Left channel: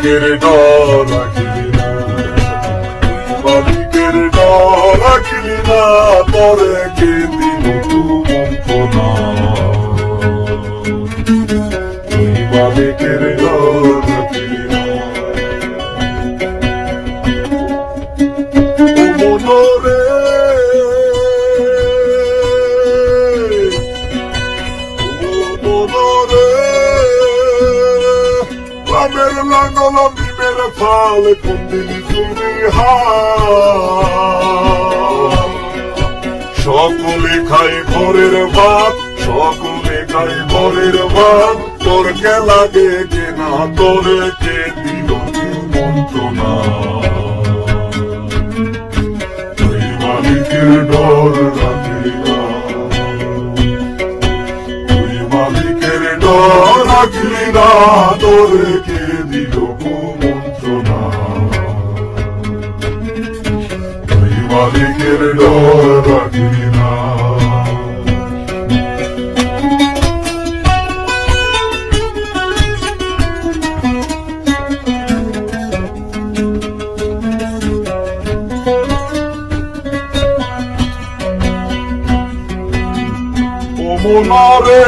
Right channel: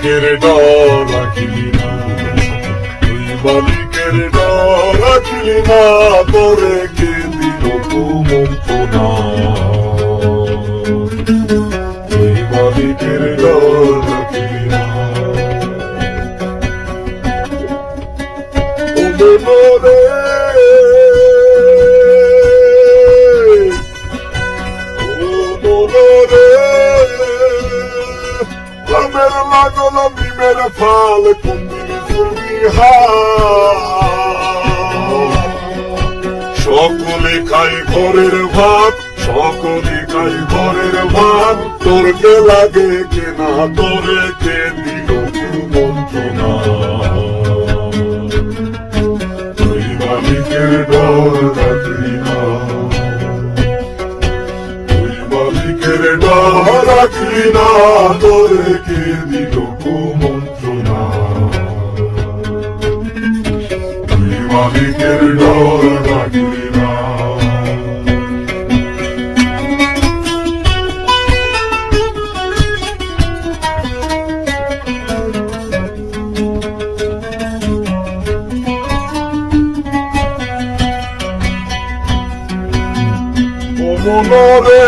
মালিকের ডর রাখিলি না, মালিকের ডর রাখিলি না, তোরে কে দিল কুমন্ত্রণা। মালিকের ডর রাখিলি না, মনরে লামের লাগল নিমের ফাল কুন্দির তুমি সকলে খাই ঘরের ভাত, সকলে খাই ঘরের ভাত, তোরকে লাগে কেনা, তোরে কে দিল কুমন্ত্রণা। ওই মালিকের ডর রাখলি না, ওই মালিকের ডর রাখলি না, তোরে কে দিল কুমন্ত্রণা। ওই মালিকের ডর রাখলি না। মনরে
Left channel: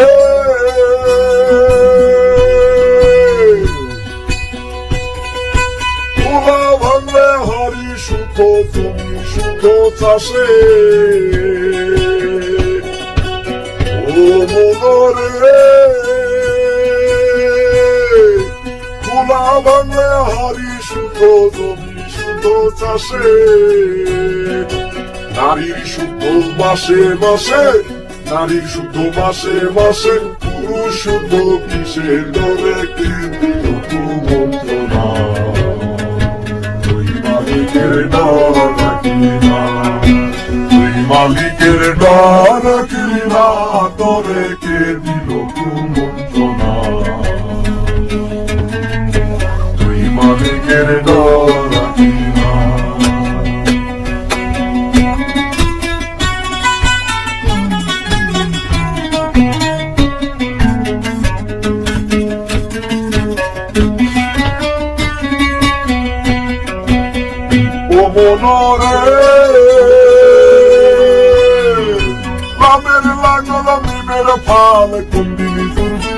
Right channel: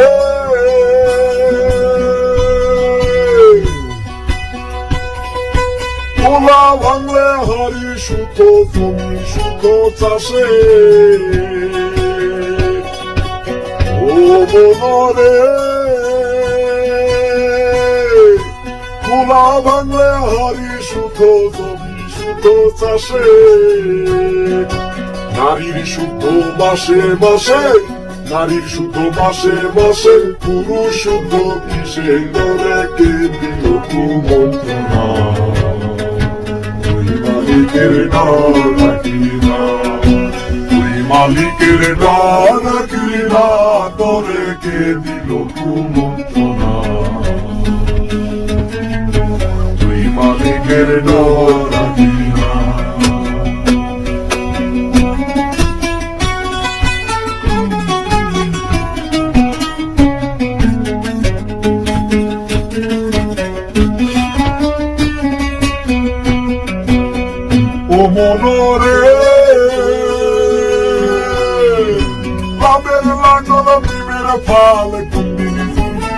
পোলা ভাঙলে হারি সুত তুমি সুত চাষে, ও মনরে পোলা ভাঙলে হারি সুত তুমি সুত চাষে, নারীর সুত মাসে মাসে, নারীর সুত মাসে মাসে, পুরুষ সুত কিসে, তোরে কে দিল কুমন্ত্রণা। ওই মালিকের ডর রাখলি না, ওই মালিকের ডর রাখলি না, তোরে কে দিল কুমন্ত্রণা। ওই মালিকের ডর রাখলি না। ও মনরে লামের লাগল নিমের ফাল কুন্দির তুমি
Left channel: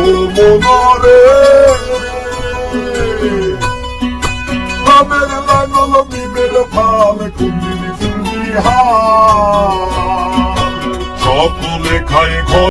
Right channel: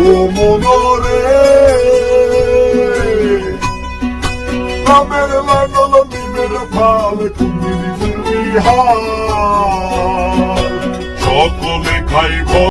ও মনরে লামের লাগল নিমের ফাল কুন্দির তুমি